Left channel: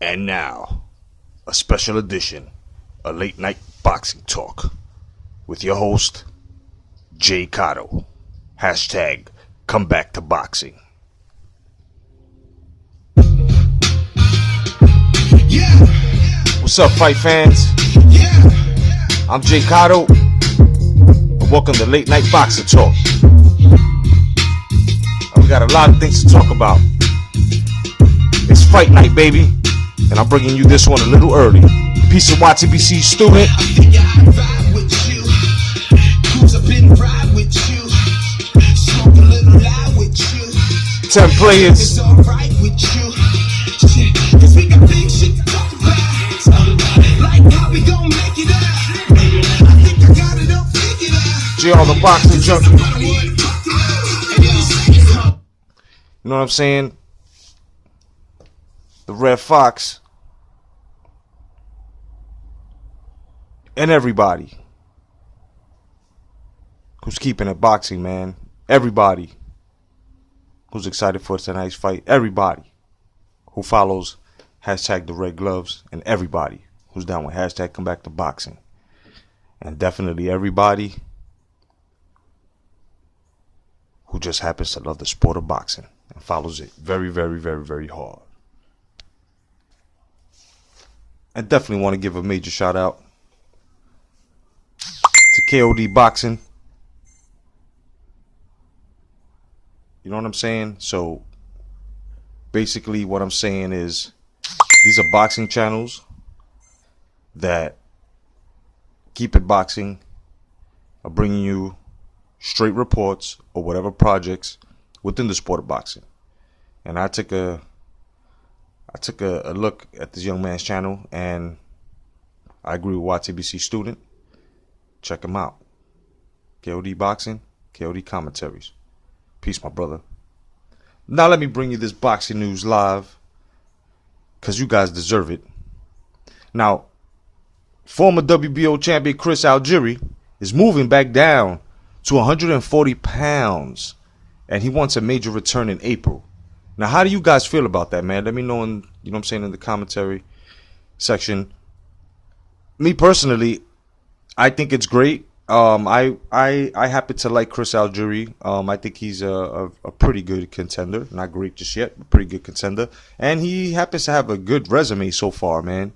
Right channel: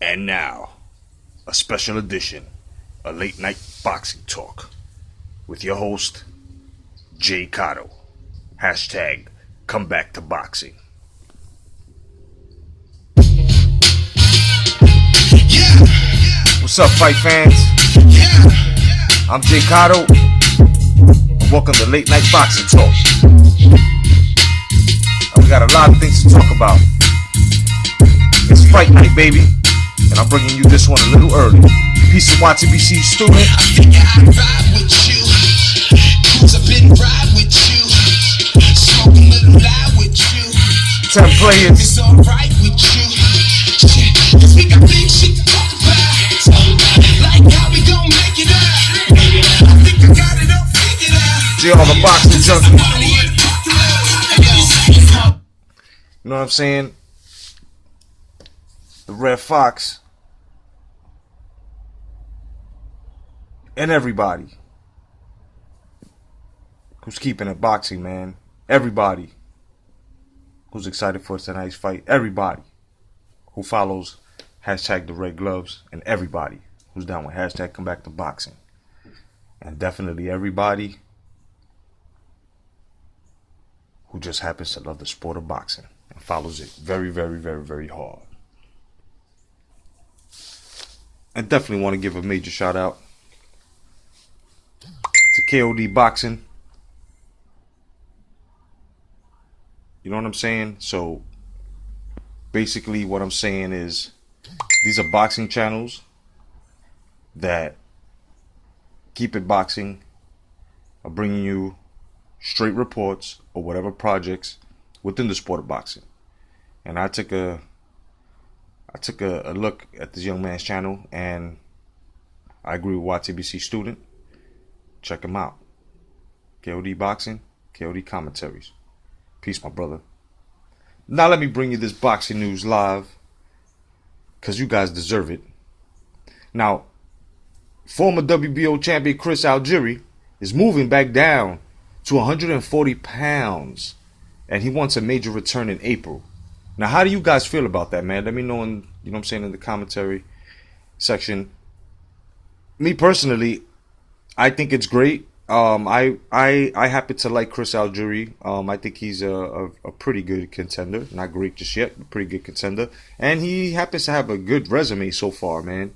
And now, a special edition, a late night boxing talk with your host, J.Cotto. Hashtag come back to boxing. What's up, fight fans? I'm J.Cotto, and welcome to Late Night Boxing Talk. We got a lot of things to talk about. It's fight night, baby, and I'm bringing you this one a little early. Peace of YTBC student. I think I'd ride with you. Cruise up and ride with you. Smoke a little lie with you. 10 players. It's alright with you. Cause we got big shit to talk about. Like how we gon' make it out. I think I got it all figured out. J on the boxing junkie. Somebody in the parking lot. You know what I'm saying? The Red Fox. And everybody who's keeping it boxing, man. Everybody who's excited for tonight's fight. Everybody who follows hashtag the Red Gloves. And everybody who's down with hashtag come back to boxing. And definitely everybody who just happens to love the sport of boxing and follows it very, very, very, very hard. I definitely want to give a major shout out to KOD Boxing. You know what I'm saying? So basically what I'm saying is these are boxing channels that keep it boxing, are bringing you straight reports or whatever projects within the sport of boxing. And I took a look at this young man's channel, and I agree with YTBC student. Check him out. KOD Boxing, KOD Commentaries. Peace, my brother. Now let me bring you this boxing news live, because you guys deserve it. Now, former WBO champion Chris Algieri is moving back down to 140 pounds, and he wants a major return in April. Now, how do you guys feel about that, man? Let me know in, you know what I'm saying, in the commentary section. Me personally, I think it's great. I happen to like Chris Algieri. I think he's a pretty good contender. Not great just yet, but pretty good contender. And he happens to have a good resume so far, man.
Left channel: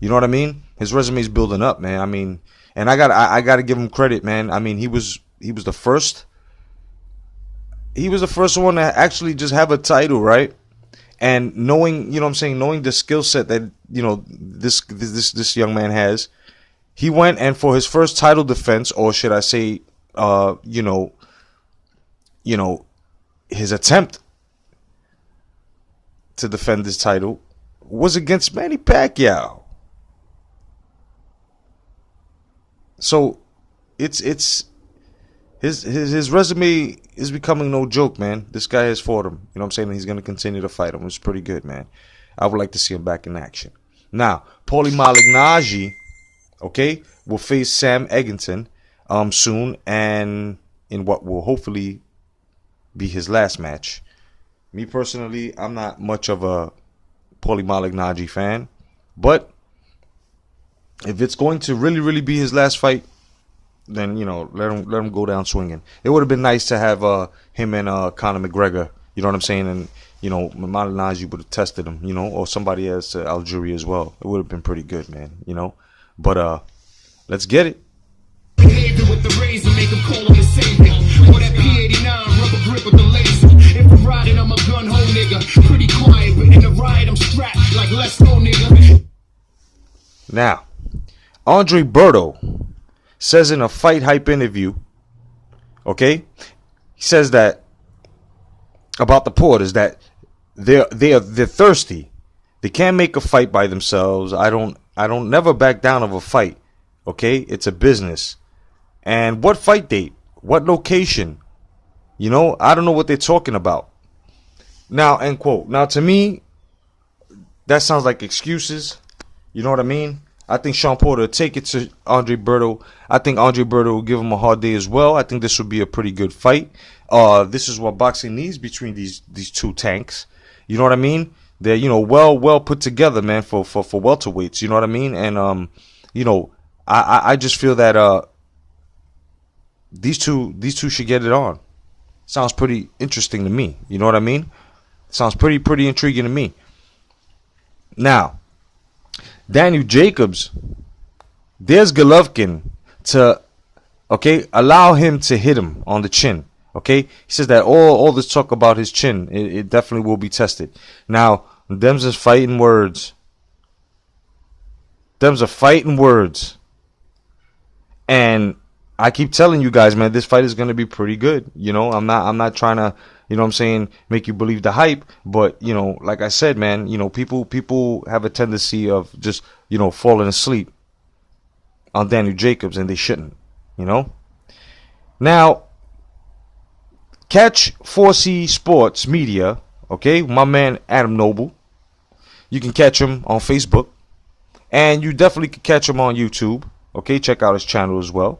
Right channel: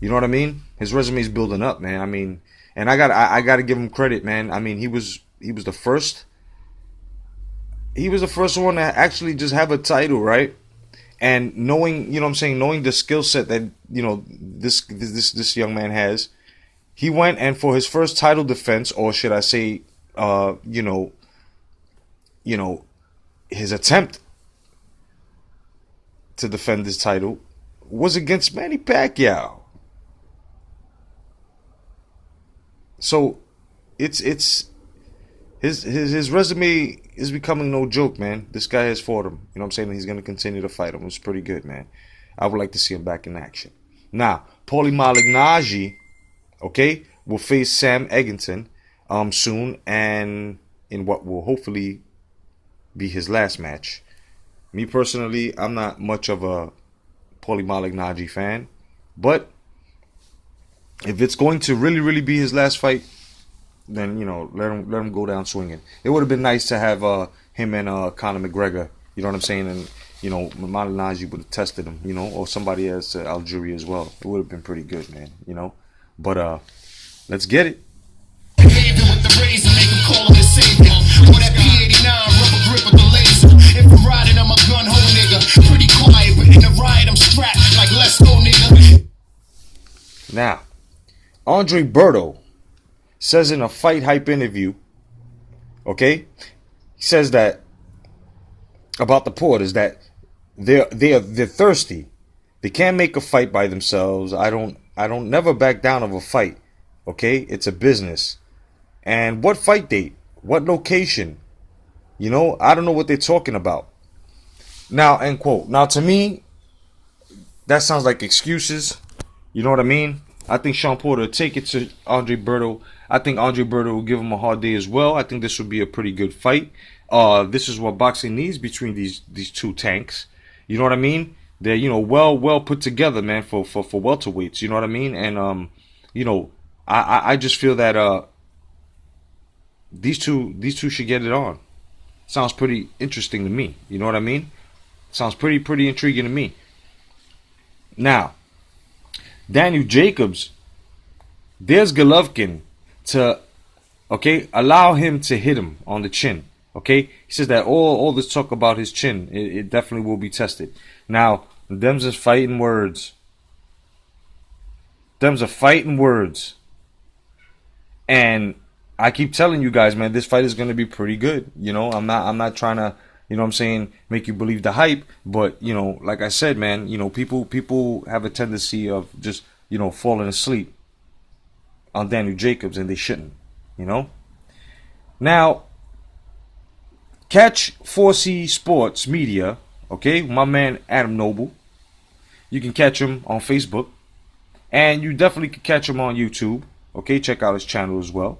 You know what I mean? His resume's building up, man. I mean, and I gotta give him credit, man. I mean, he was the first. He was the first one to actually just have a title, right? And knowing, you know what I'm saying, knowing the skill set that, you know, this young man has, he went and for his first title defense, or should I say, you know, his attempt to defend his title was against Manny Pacquiao. So it's his resume is becoming no joke, man. This guy has fought him. You know what I'm saying? He's going to continue to fight him. It's pretty good, man. I would like to see him back in action. Now, Paulie Malignaggi, okay, will face Sam Eggington soon, and in what will hopefully be his last match. Me personally, I'm not much of a Paulie Malignaggi fan, but if it's going to really, really be his last fight, then, you know, let him go down swinging. It would have been nice to have him and Conor McGregor, you know what I'm saying, and, you know, Malignaggi would have tested him, you know, or somebody else, Algieri as well. It would have been pretty good, man, you know. But let's get it. With the razor, make him call him the savior. Or that P89 rubber grip with the laser. If I'm riding, I'm a gun hole nigga. Pretty quiet, but in the ride, I'm strapped like let's go nigga. Now, Andre Berto says in a Fight Hype interview, okay, he says that about the Porters, that they're thirsty. They can't make a fight by themselves. I don't never back down of a fight. Okay, it's a business. And what fight date? What location? You know, I don't know what they're talking about. Now, end quote. Now, to me, that sounds like excuses. You know what I mean? I think Sean Porter will take it to Andre Berto. I think Andre Berto will give him a hard day as well. I think this would be a pretty good fight. This is what boxing needs between these two tanks. You know what I mean? They're, you know, well put together, man, for welterweights. You know what I mean? And you know, I just feel that these two should get it on. Sounds pretty interesting to me. You know what I mean? Sounds pretty intriguing to me. Now, Daniel Jacobs, there's Golovkin to, okay, allow him to hit him on the chin. Okay, he says that all this talk about his chin, it definitely will be tested. Now, them's just fighting words. Them's are fighting words. And I keep telling you guys, man, this fight is gonna be pretty good. You know, I'm not trying to, you know what I'm saying, make you believe the hype, but you know, like I said, man, you know, people have a tendency of just, you know, falling asleep on Daniel Jacobs, and they shouldn't, you know. Now, catch 4C Sports Media, okay, my man Adam Noble. You can catch him on Facebook, and you definitely can catch him on YouTube. Okay, check out his channel as well.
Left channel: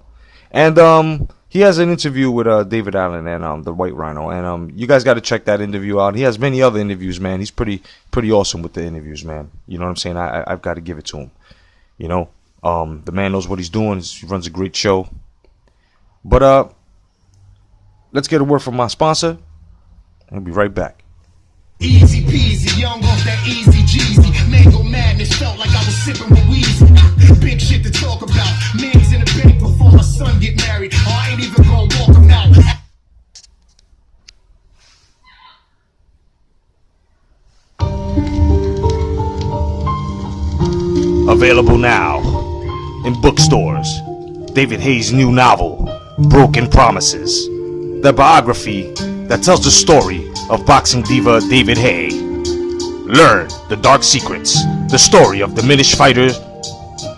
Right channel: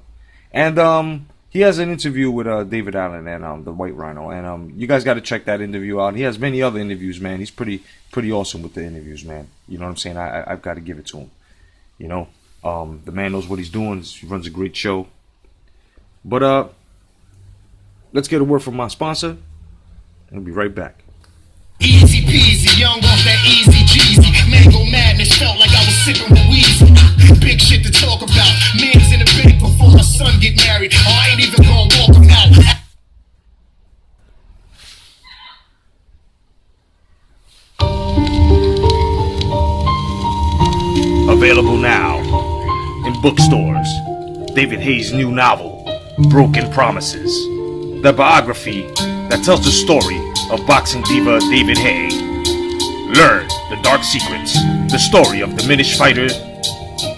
And he has an interview with David Allen and the White Rhino, and you guys got to check that interview out. He has many other interviews, man. He's pretty awesome with the interviews, man. You know what I'm saying? I've got to give it to him. You know, the man knows what he's doing. He runs a great show. But let's get a word from my sponsor. I'll be right back. Easy peasy, young off that easy Jeezy. Mango madness felt like I was sipping with Weezy. Big shit to talk about. Man's in the bank before my son get married. Oh, I ain't even gonna walk him out. Available now in bookstores. David Hayes' new novel, Broken Promises. The biography that tells the story of boxing diva David Hay. Learn the dark secrets, the story of diminished fighter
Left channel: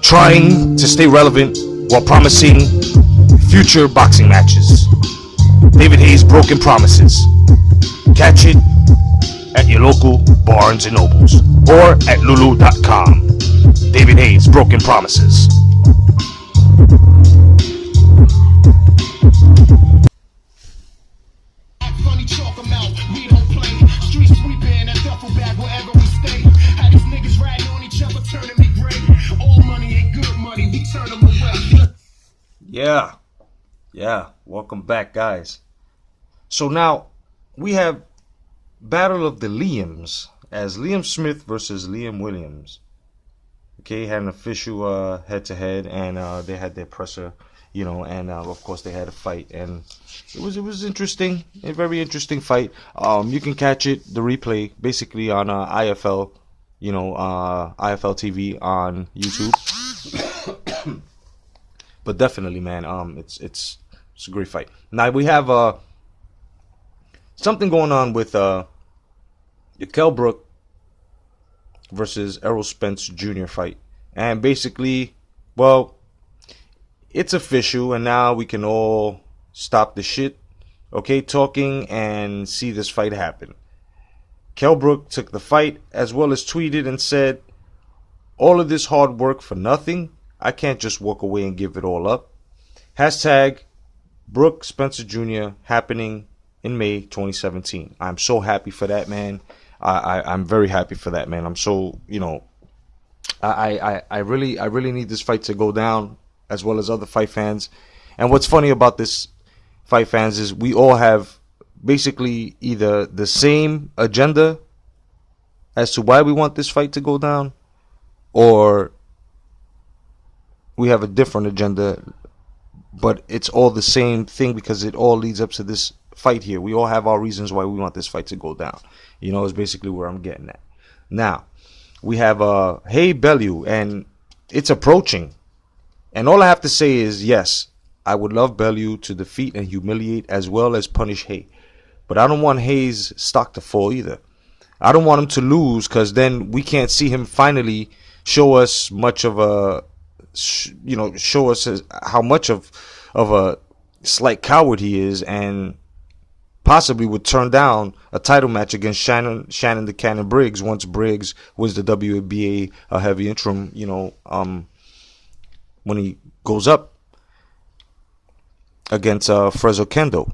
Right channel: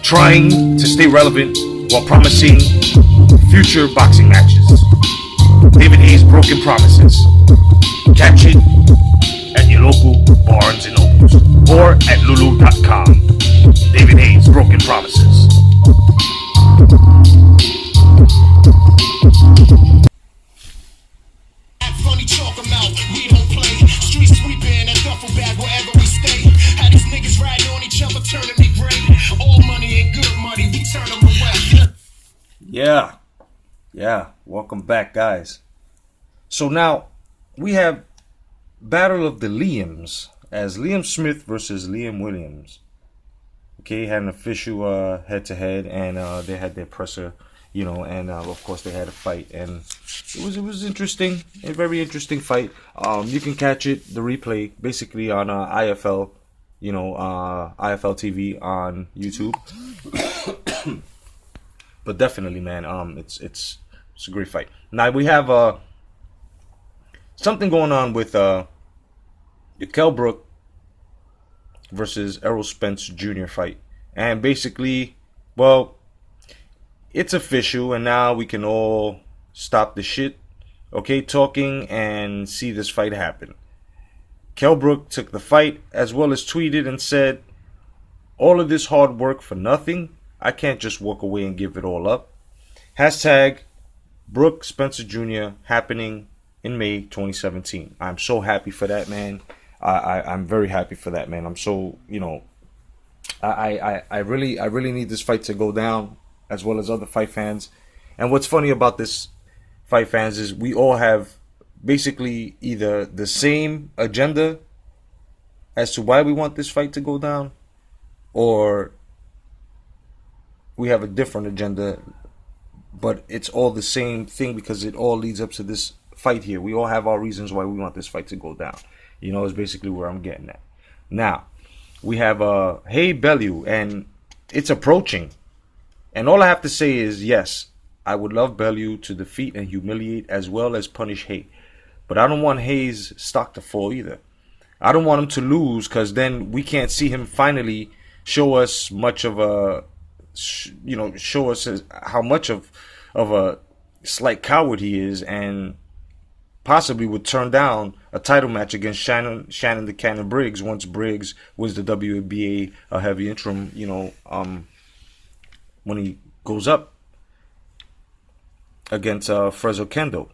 trying to stay relevant while promising future boxing matches. David Hayes' Broken Promises. Catch it at your local Barnes & Nobles or at lulu.com. David Hayes' Broken Promises. Funny talk 'em out, we don't play. Street sweeping and duffel bag wherever we stay. Had these niggas riding on each other, turning me gray. All money ain't good money, we turn them away. Yeah. Welcome back, guys. So now we have Battle of the Liams, as Liam Smith versus Liam Williams. Okay, had an official head-to-head, and they had their presser, you know, and of course they had a fight, and it was interesting, a very interesting fight. You can catch it, the replay, basically on IFL, you know, IFL TV on YouTube. But definitely, man, it's a great fight. Now we have something going on with Kell Brook versus Errol Spence Jr. fight, and basically, well, it's official, and now we can all stop the shit, okay, talking, and see this fight happen. Kell Brook took the fight, as well as tweeted and said, "All of this hard work for nothing. I can't just walk away and give it all up." Hashtag Brook Spencer Jr. happening in May 2017. I'm so happy for that, man. I'm very happy for that, man. I'm so, you know, I really need this fight to go down, as well as other fight fans. And what's funny about this fight fans is we all have basically either the same agenda as to why we want this fight to go down, or we have a different agenda, but it's all the same thing because it all leads up to this fight here. We all have our reasons why we want this fight to go down. You know, is basically where I'm getting at. Now, we have Hey Bellew, and it's approaching. And all I have to say is, yes, I would love Bellew to defeat and humiliate as well as punish Hay. But I don't want Hay's stock to fall either. I don't want him to lose, because then we can't see him finally show us much of a, you know, show us how much of a slight coward he is, and possibly would turn down a title match against Shannon the Cannon Briggs once Briggs was the WBA heavy interim, you know, when he goes up against Frezo Kendo,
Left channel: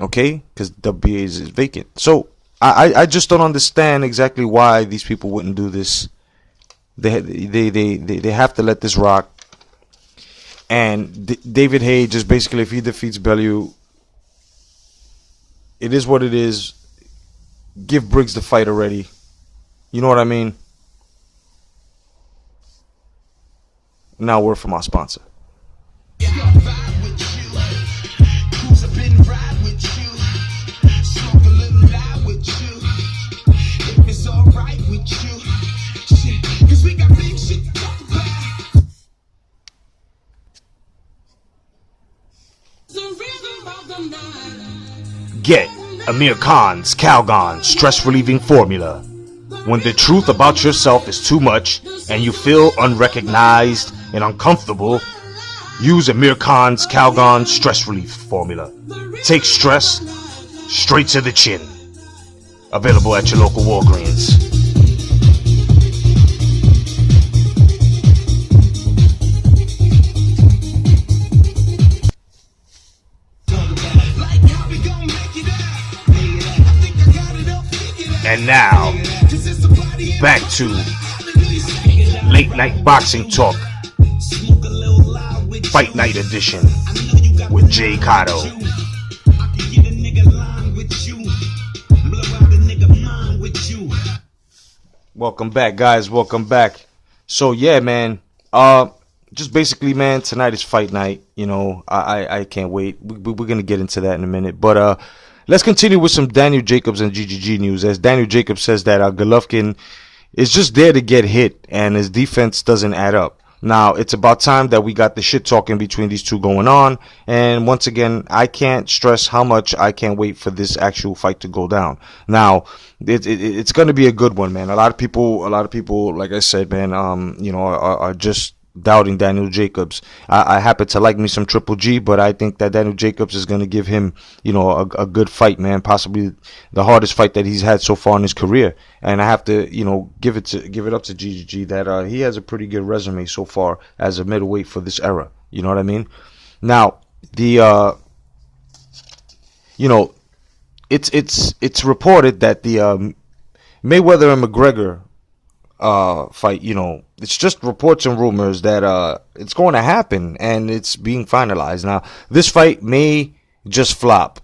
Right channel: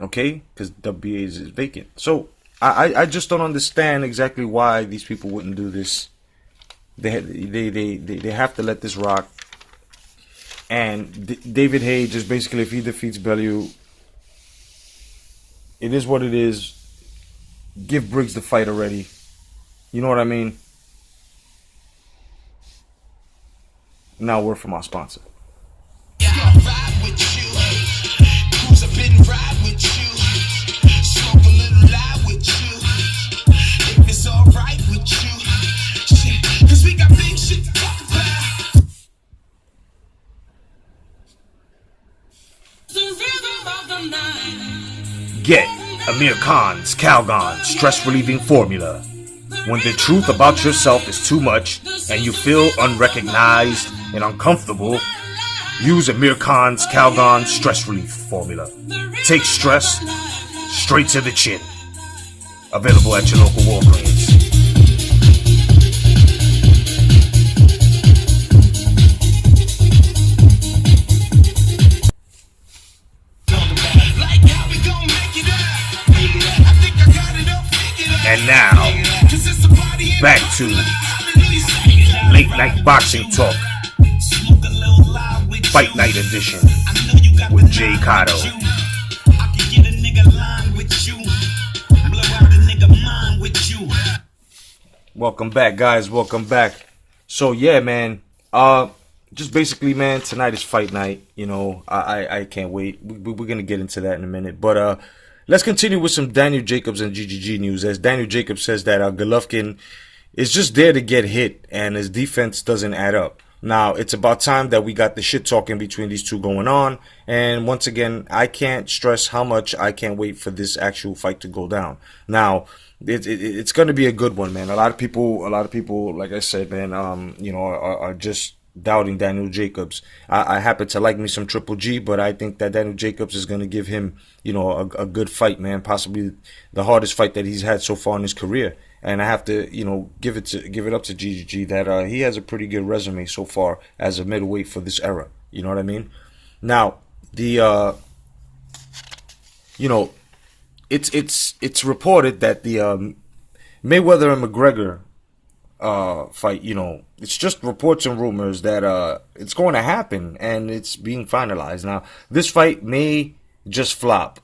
okay, because WBA is vacant. So I just don't understand exactly why these people wouldn't do this. They have to let this rock. And David Haye just basically, if he defeats Bellew, it is what it is. Give Briggs the fight already. You know what I mean? Now word from our sponsor. Get Amir Khan's Calgon stress relieving formula. When the truth about yourself is too much and you feel unrecognized and uncomfortable, use Amir Khan's Calgon stress relief formula. Take stress straight to the chin. Available at your local Walgreens. And now, back to Late Night Boxing Talk, Fight Night Edition with J.Cotto. Welcome back, guys. Welcome back. So yeah, man. Just basically, man. Tonight is fight night. You know, I can't wait. We're gonna get into that in a minute, but let's continue with some Daniel Jacobs and GGG news. As Daniel Jacobs says that Golovkin is just there to get hit, and his defense doesn't add up. Now, it's about time that we got the shit talking between these two going on. And once again, I can't stress how much I can't wait for this actual fight to go down. Now, it's going to be a good one, man. A lot of people, like I said, man, are just doubting Daniel Jacobs. I happen to like me some Triple G, but I think that Daniel Jacobs is going to give him, a good fight, man. Possibly the hardest fight that he's had so far in his career. And I have to, give it up to GGG that he has a pretty good resume so far as a middleweight for this era. You know what I mean? Now, it's reported that the Mayweather and McGregor fight, it's just reports and rumors that it's going to happen and it's being finalized. Now, this fight may just flop,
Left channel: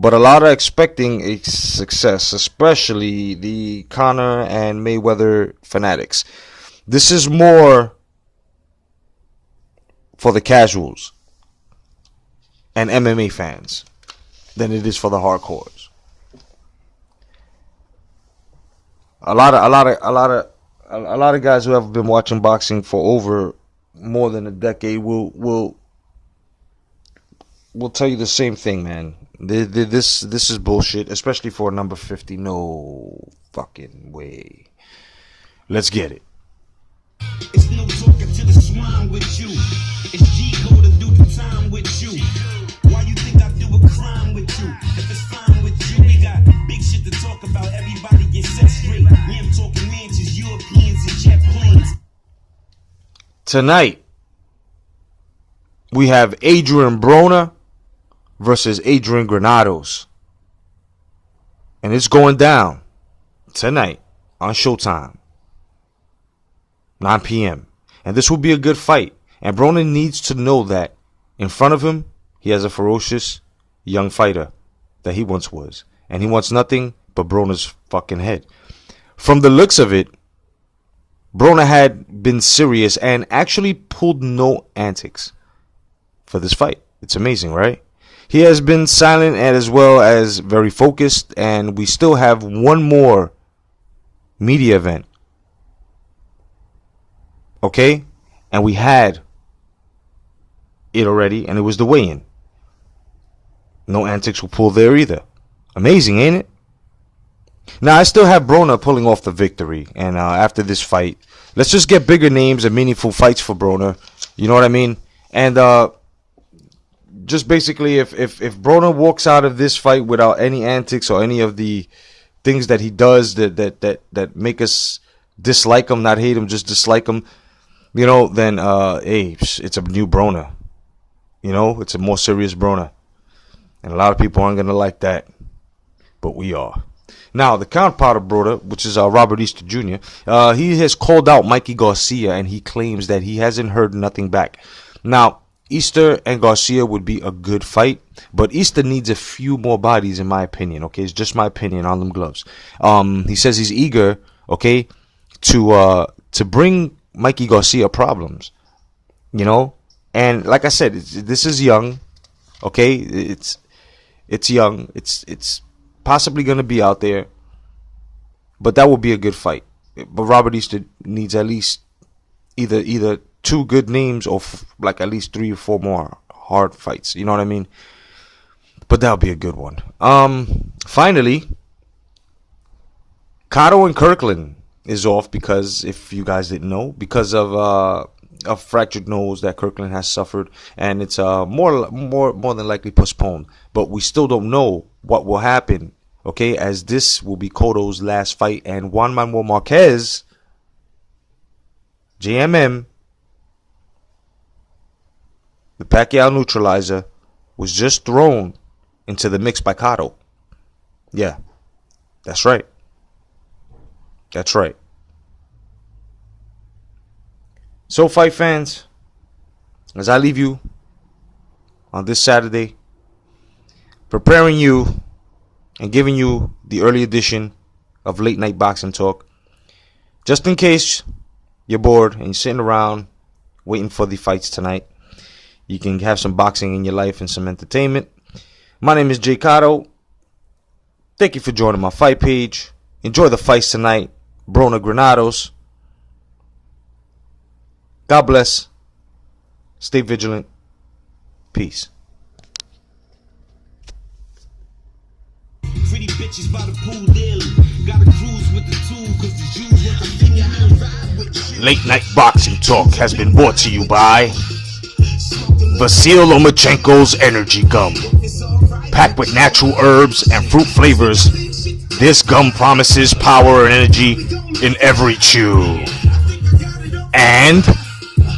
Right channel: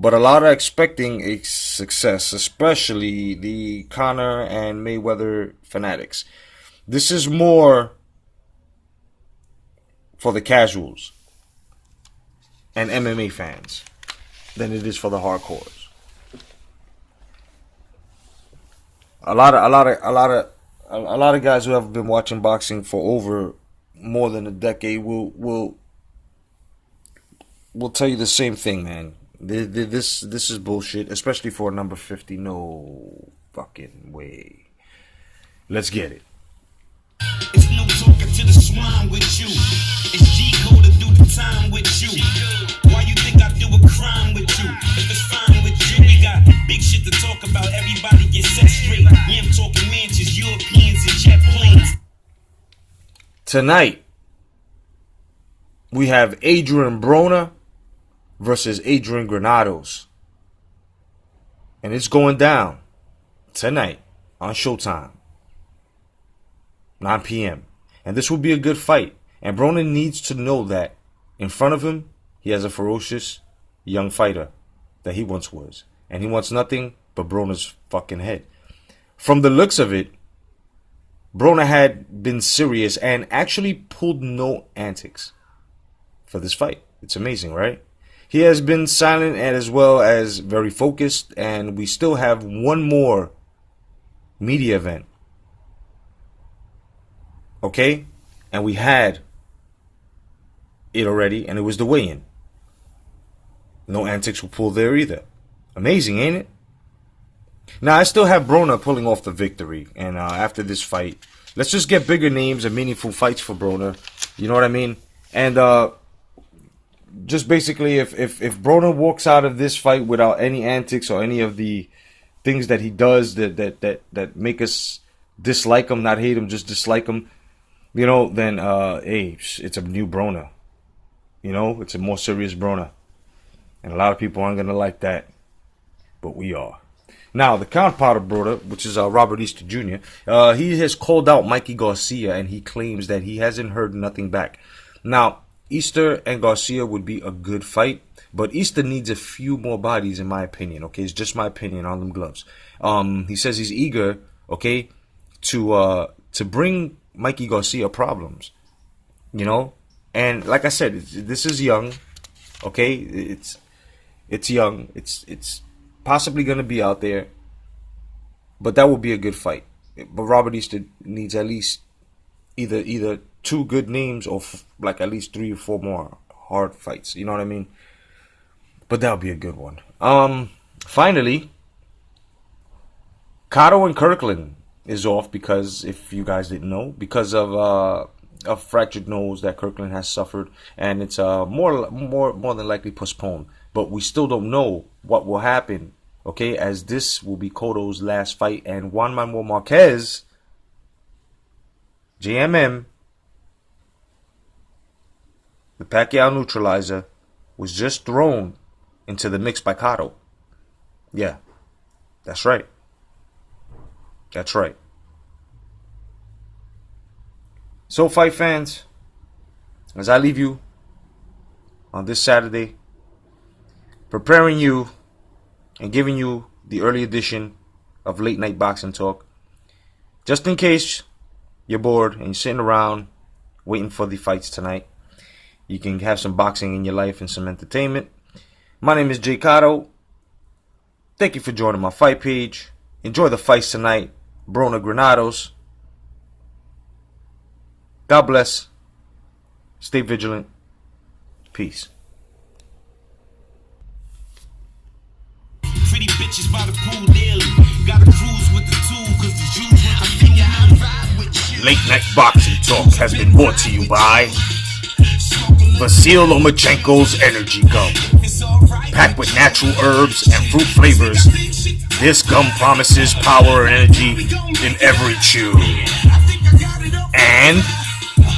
but a lot are expecting a success, especially the Conor and Mayweather fanatics. This is more for the casuals and MMA fans than it is for the hardcores. A lot of guys who have been watching boxing for over more than a decade will tell you the same thing, man. This is bullshit, especially for a number 50. No fucking way. Let's get it. It's no talking to the swine with you. It's J.Cotto do the time with you. Why you think I do a crime with you? If it's fine with you, we got big shit to talk about. Everybody get set straight. Yeah, I'm talking mansions, Europeans, and jet planes. Tonight, we have Adrian Broner versus Adrian Granados. And it's going down tonight on Showtime. 9 p.m. And this will be a good fight. And Broner needs to know that in front of him, he has a ferocious young fighter that he once was. And he wants nothing but Broner's fucking head. From the looks of it, Broner had been serious and actually pulled no antics for this fight. It's amazing, right? He has been silent and as well as very focused, and we still have one more media event. Okay? And we had it already, and it was the weigh-in. No antics were pulled there either. Amazing, ain't it? Now, I still have Broner pulling off the victory, and after this fight, let's just get bigger names and meaningful fights for Broner. You know what I mean? And just basically, if Broner walks out of this fight without any antics or any of the things that he does that make us dislike him, not hate him, just dislike him, then hey, it's a new Broner. It's a more serious Broner, and a lot of people aren't gonna like that, but we are. Now, the counterpart brother, which is Robert Easter Jr., he has called out Mikey Garcia, and he claims that he hasn't heard nothing back. Now, Easter and Garcia would be a good fight, but Easter needs a few more bodies, in my opinion. Okay, it's just my opinion on them gloves. He says he's eager, okay, to bring Mikey Garcia problems, you know. And like I said, this is young, okay. It's young. It's possibly going to be out there, but that would be a good fight. But Robert Easter needs at least either two good names or like at least 3 or 4 more hard fights. You know what I mean? But that would be a good one. Finally, Cotto and Kirkland is off because, if you guys didn't know, because of a fractured nose that Kirkland has suffered, and it's more than likely postponed. But we still don't know what will happen, okay, as this will be Cotto's last fight, and Juan Manuel Marquez, JMM, the Pacquiao neutralizer, was just thrown into the mix by Cotto. Yeah, that's right. That's right. So, fight fans, as I leave you on this Saturday, preparing you and giving you the early edition of Late Night Boxing Talk, just in case you're bored and you're sitting around waiting for the fights tonight, you can have some boxing in your life and some entertainment. My name is J.Cotto. Thank you for joining my fight page. Enjoy the fights tonight. Brona Granados. God bless. Stay vigilant. Peace. Pretty bitches by the pool daily. Gotta cruise with the tool, cause the Jews with the finger out ride with you. Late Night Boxing Talk has been brought to you by Vasil Lomachenko's Energy Gum. Packed with natural herbs and fruit flavors, this gum promises power and energy in every chew. And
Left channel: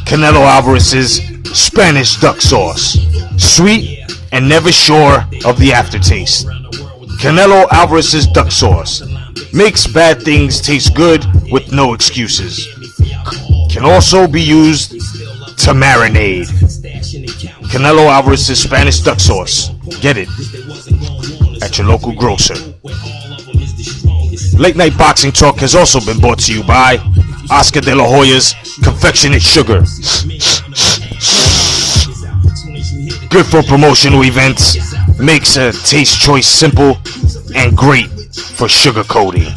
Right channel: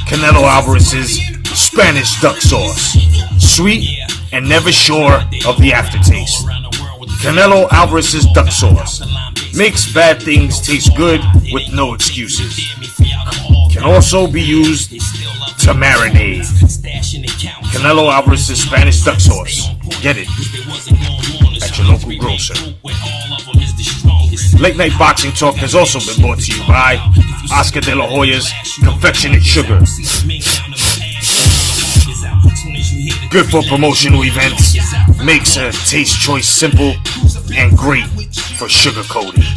Canelo Alvarez's Spanish duck sauce. Sweet and never sure of the aftertaste. Canelo Alvarez's duck sauce makes bad things taste good with no excuses. Can also be used to marinate. Canelo Alvarez's Spanish duck sauce. Get it at your local grocer. Late Night Boxing Talk has also been brought to you by Oscar De La Hoya's Confectionate Sugar. Good for promotional events. Makes a taste choice simple and great for sugar coating.